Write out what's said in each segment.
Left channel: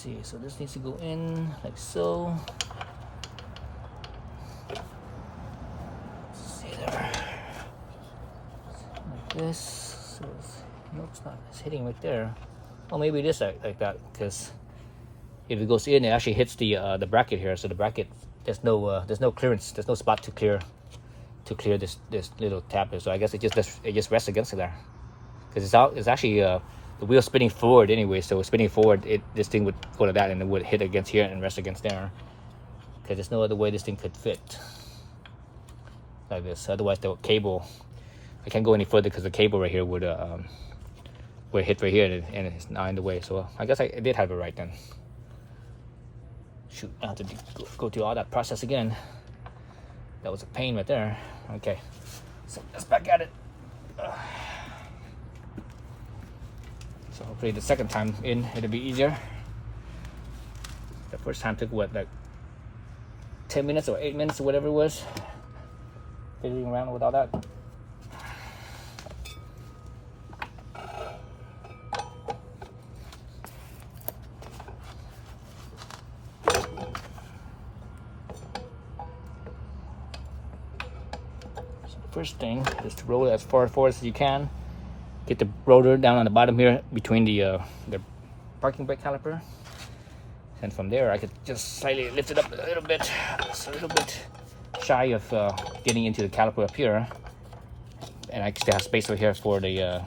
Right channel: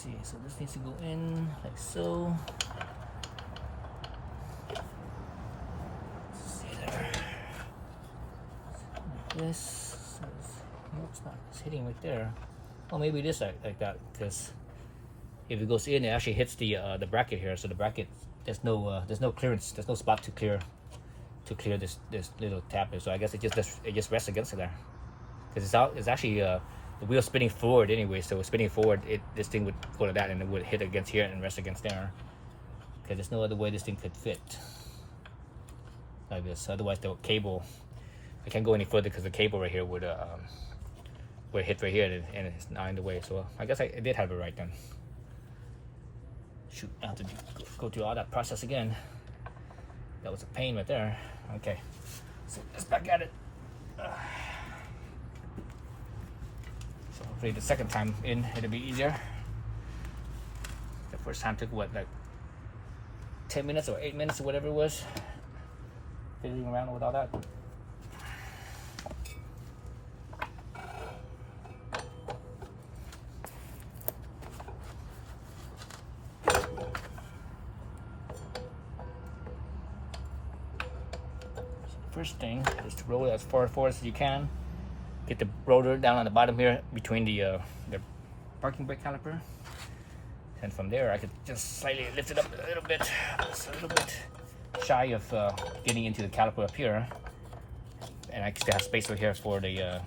see, so this needs to go in like so. Let's see there. Like this. So no, it's not. It's hitting right there. Well, maybe it is like that, because if it goes in, it actually hits the bracket here. So the bracket, there's no clearance. There's no spot to clear this little tab here. So I guess it just rests against it there, because it's actually the wheel spinning forward anyway. So spinning forward, this thing would go to that, and it would hit against here and rest against there. Because there's no other way this thing could fit like this. Otherwise, the cable, I can't go any further because the cable right here would hit right here, and it's not in the way. So I guess I did have it right then. Shoot, I have to go through all that process again. That was a pain right there. Okay, so let's back at it. So hopefully the second time in, it'll be easier. The first time took what, like 10 minutes or 8 minutes or whatever it was, fiddling around with all that. First thing is to roll it as far forward as you can. Get the rotor down on the bottom here between the parking brake caliper, and from there I could just slightly lift it up a little bit. It's a little bit shy of getting into the caliper up here, and I still have space over here for the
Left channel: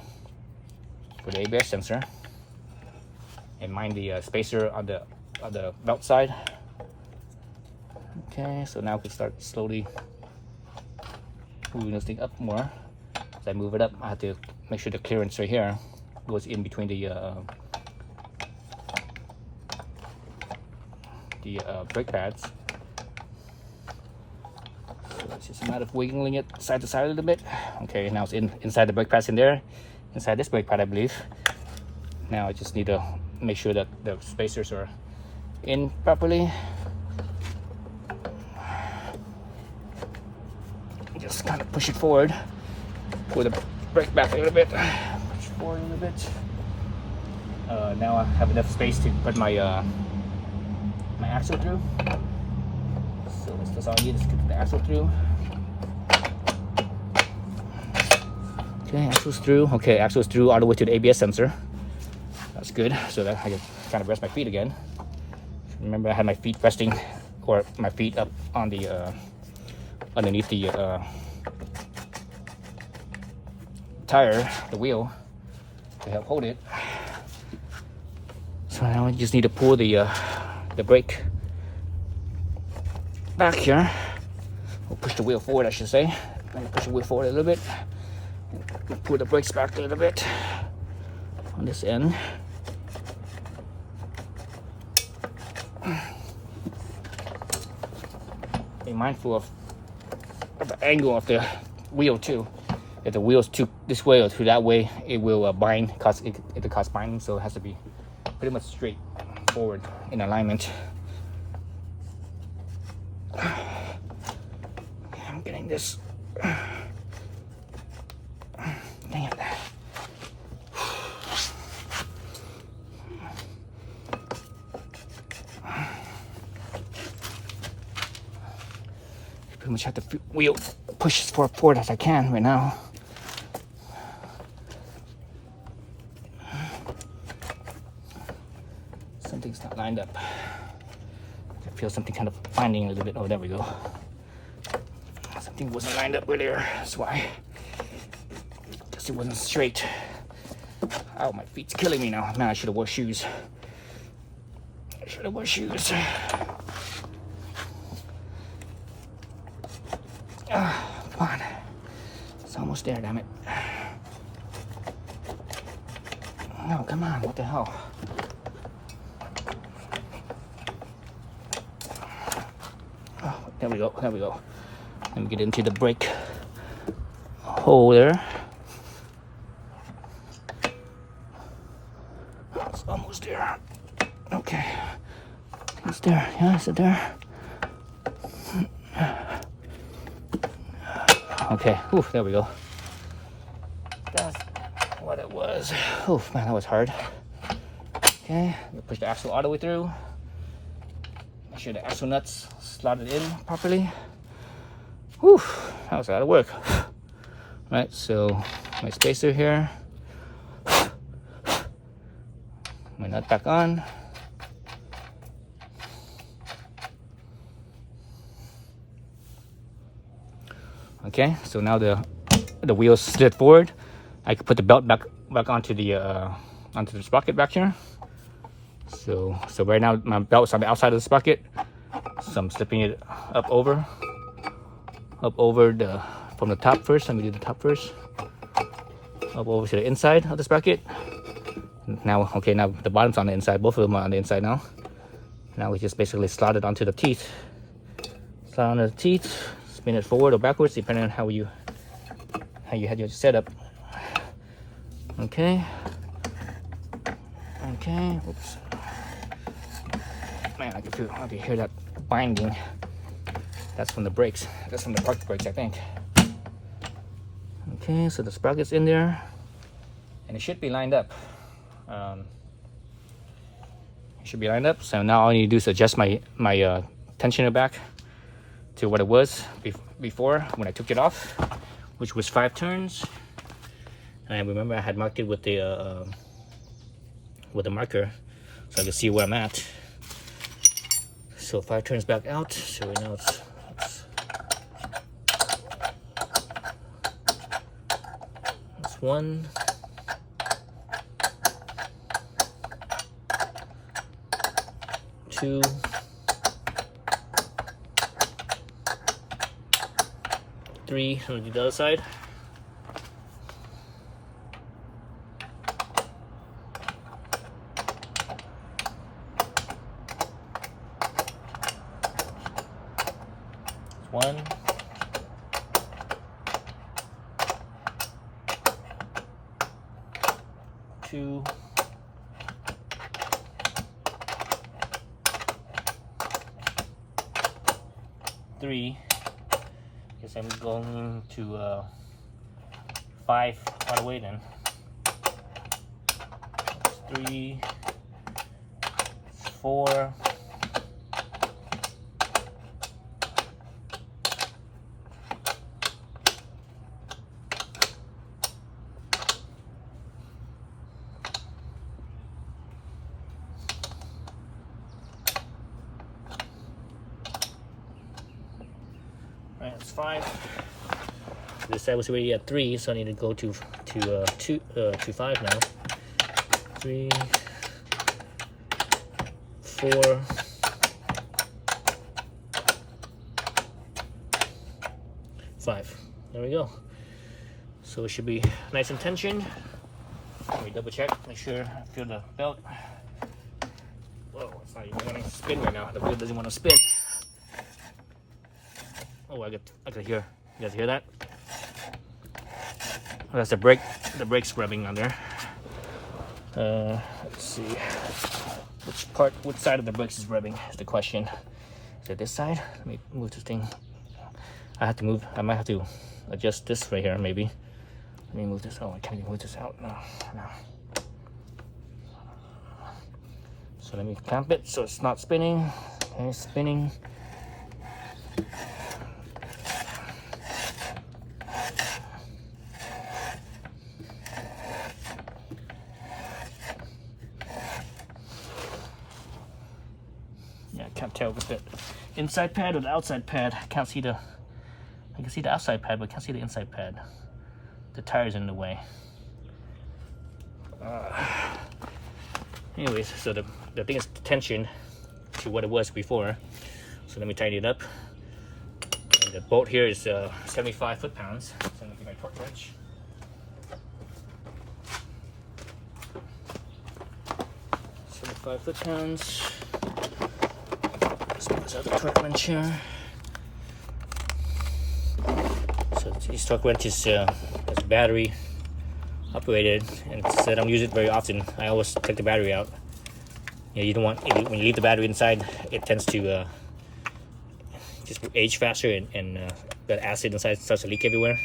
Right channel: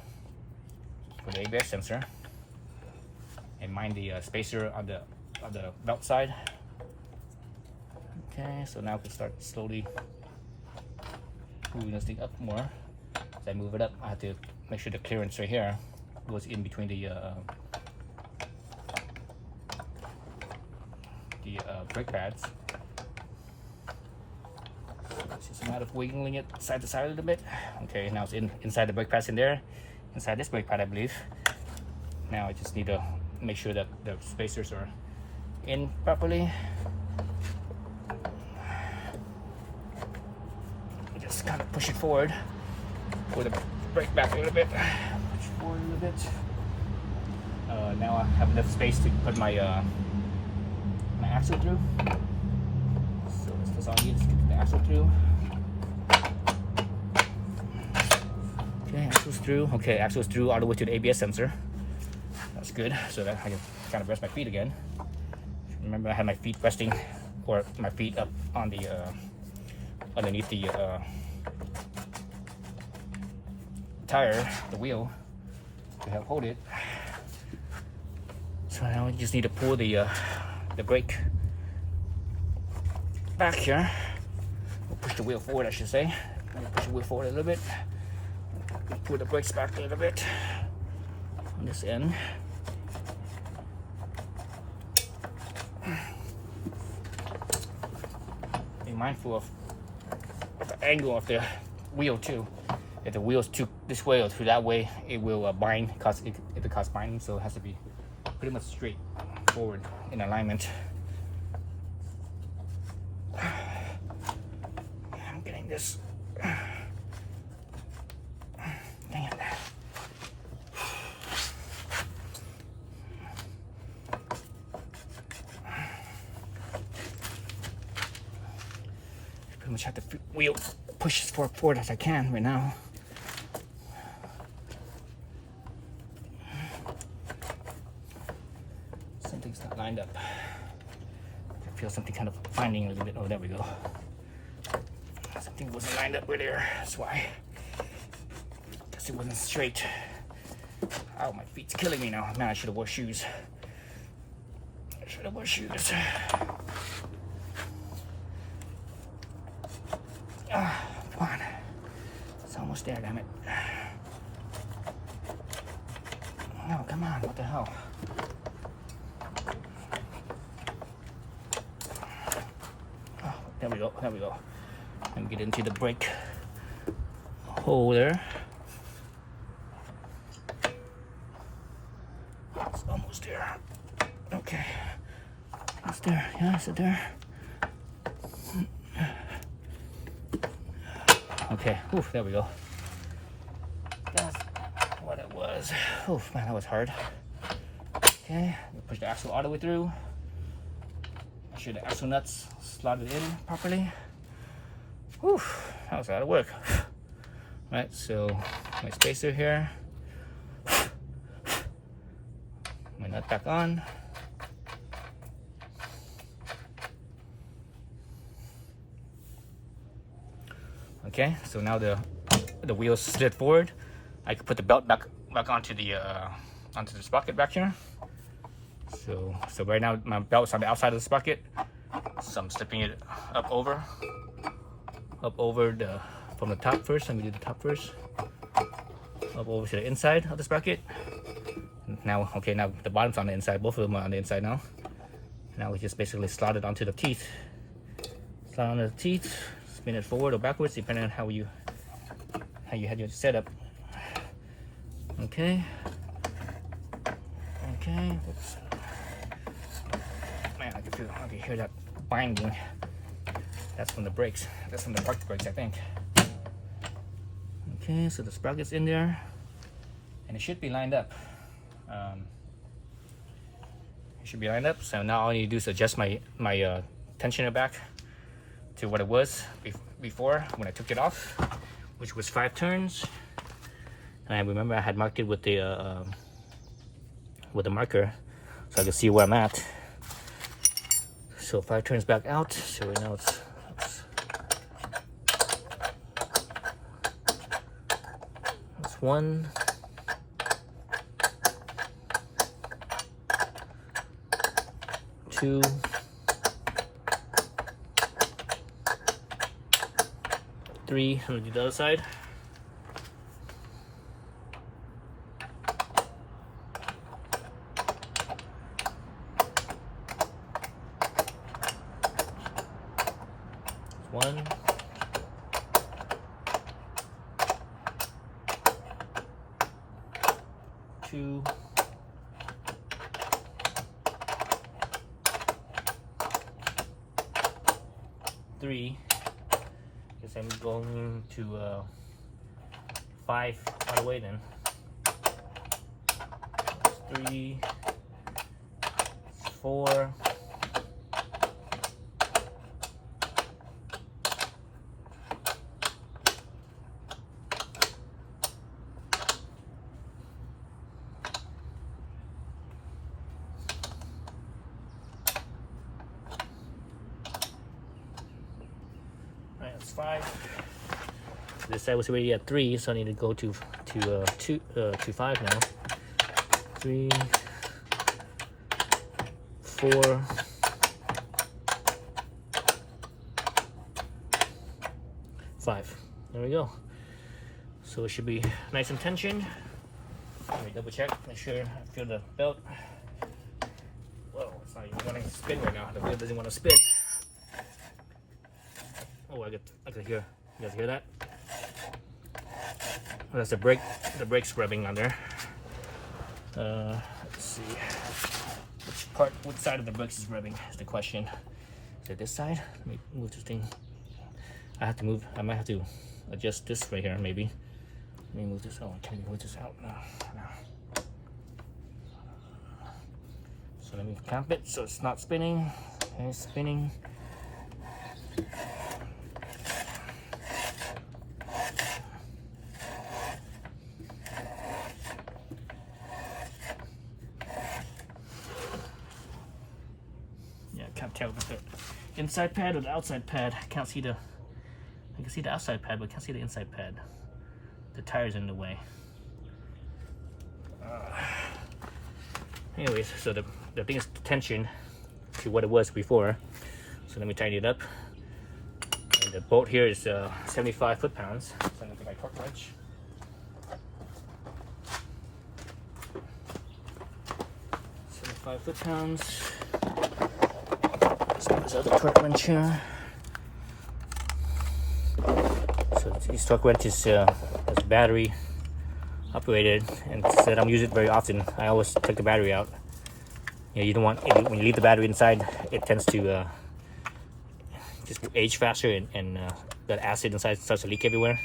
ABS sensor, and mind the spacer on the belt side. Okay, so now we can start slowly moving this thing up more. As I move it up, I have to make sure the clearance right here goes in between the brake pads. So it's just a matter of wiggling it side to side a little bit. Okay, now it's inside the brake pads in there, inside this brake pad, I believe. Now I just need to make sure that the spacers are in properly. Just kind of push it forward with the brake back a little bit. Push it forward a little bit. Now I have enough space to put my my axle through. So that's all I need, is to get the axle through. Okay, axle's through. Okay, axle's through all the way to the ABS sensor. That's good. So that I can kind of rest my feet again. Remember, I had my feet resting, or my feet up on the underneath the tire, the wheel, to help hold it. So now I just need to pull the brake back here. We'll push the wheel forward, I should say. Push the wheel forward a little bit. Pull the brakes back a little bit on this end. Be mindful of the angle of the wheel too. If the wheel's too this way or too that way, it will bind, it'll cause binding. So it has to be pretty much straight forward in alignment. I'm getting this. Dang it. Pretty much have the wheel push as far forward as I can right now. Something's not lined up. I feel something kind of binding a little bit. Oh, there we go. Something wasn't lined up right there. That's why. Guess it wasn't straight. Oh, my feet's killing me now. Man, I should have wore shoes. I should have wore shoes. Come on. It's almost there, damn it. No, come on. What the hell? Oh, there we go. There we go. Let me get into the brake hole there. It's almost there. Okay. It's there. Yeah, is it there? Okay. Oof, there we go. That's what it was. Oof, man, that was hard. Okay, push the axle all the way through. Make sure the axle nuts slotted in properly. Whew, that was a lot of work. Right, so my spacer here. My nut back on. Okay, so now the wheels slid forward. I can put the belt back onto the sprocket back here. So right now my belt is on the outside of the sprocket. So I'm slipping it up over from the top first. Let me do the top first. Up over to the inside of the sprocket. Now, okay, now the bottom's on the inside. Both of them are on the inside now. Now we just basically slot it onto the teeth. Slot onto the teeth. Spin it forward or backwards, depending on how you had your setup. Okay. Okay. Oops. Man, I can hear that binding. That's from the brakes. That's from the park brakes, I think. Okay, so the sprocket's in there, and it should be lined up. It should be lined up. So now all I need to do is adjust my tensioner back to what it was before when I took it off, which was 5 turns. And I remember I had marked it with the marker so I could see where I'm at. So 5 turns back out. So right now it's 1, 2, 3. I'm gonna do the other side. 1, 2, 3. Guess I'm going to 5 all the way then. 3, 4, 5. This side was already at 3, so I need to go to 5 now. 3, 4, 5. There we go. So it should be nice and tension. Let me double check, make sure I feel the belt. Whoa, it's not even wanting to spin right now. The wheel doesn't want to spin. Oh, I can hear. You guys hear that? Oh, that's the brakes rubbing on there. Let's see. Which side of the brakes is rubbing is the question. Is it this side? Let me move this thing. I might have to adjust this right here, maybe. Let me move this. Oh, I can't even move this out. No. So let me clamp it so it's not spinning. Okay, spinning. Can't tell with the inside pad or the outside pad. I can see the outside pad, but can't see the inside pad. The tire's in the way. Anyways, so the thing is tension to what it was before. So let me tighten it up. And the bolt here is 75 foot-pounds. So I'm gonna get my torque wrench. £5 So the torque wrench here. So this torque wrench is battery operated, and since I don't use it very often, I always take the battery out. You don't want, when you leave the battery inside, it tends to just age faster, and that acid inside starts to leak everywhere.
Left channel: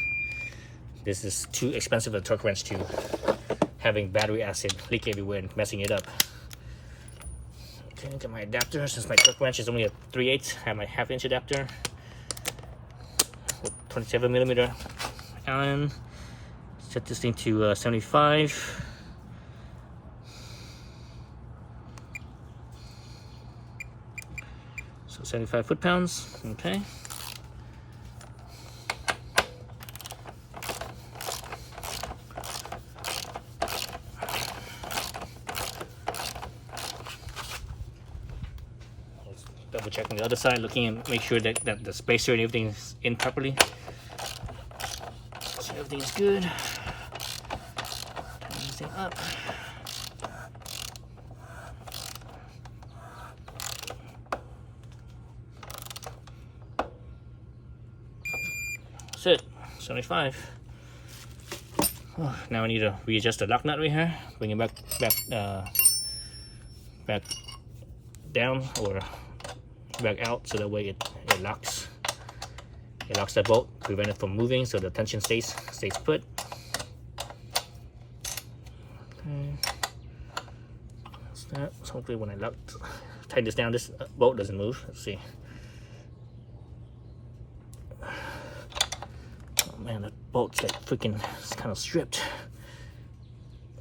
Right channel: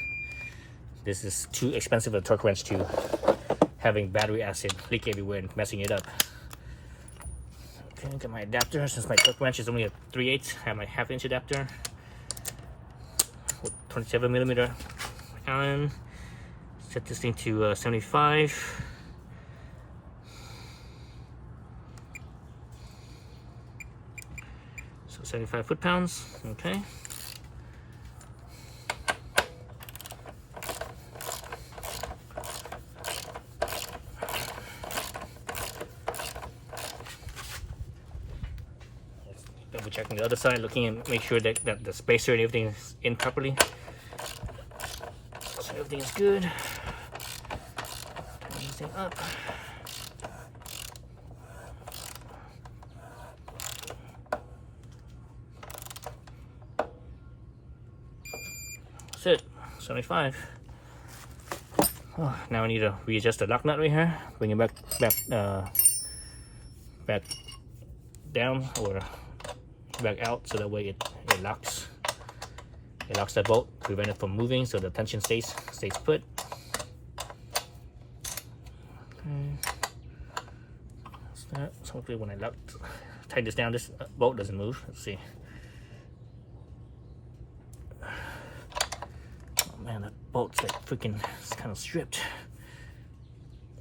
This is too expensive a torque wrench to having battery acid leak everywhere and messing it up. Okay, get my adapter. Since my torque wrench is only a 3/8, I have my 1/2" adapter with 27mm Allen. Set this thing to 75. So 75 foot-pounds. Okay. Double checking the other side, looking and make sure that the spacer and everything is in properly. So everything is good. Turn everything up. That's it. 75. Oh, now I need to readjust the lock nut right here. Bring it back down or back out, so that way it locks. It locks that bolt, prevent it from moving, so the tension stays put. Okay. That's that. So hopefully when I tighten this down, this bolt doesn't move. Let's see. Oh man, that bolt's like freaking kind of stripped.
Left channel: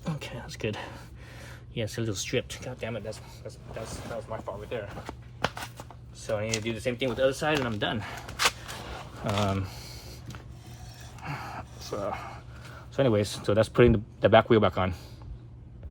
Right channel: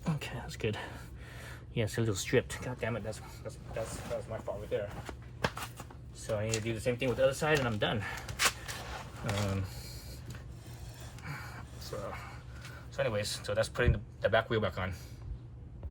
Okay, that's good. Yeah, it's a little stripped. God damn it, that was my fault right there. So I need to do the same thing with the other side, and I'm done. So anyways, so that's putting the back wheel back on.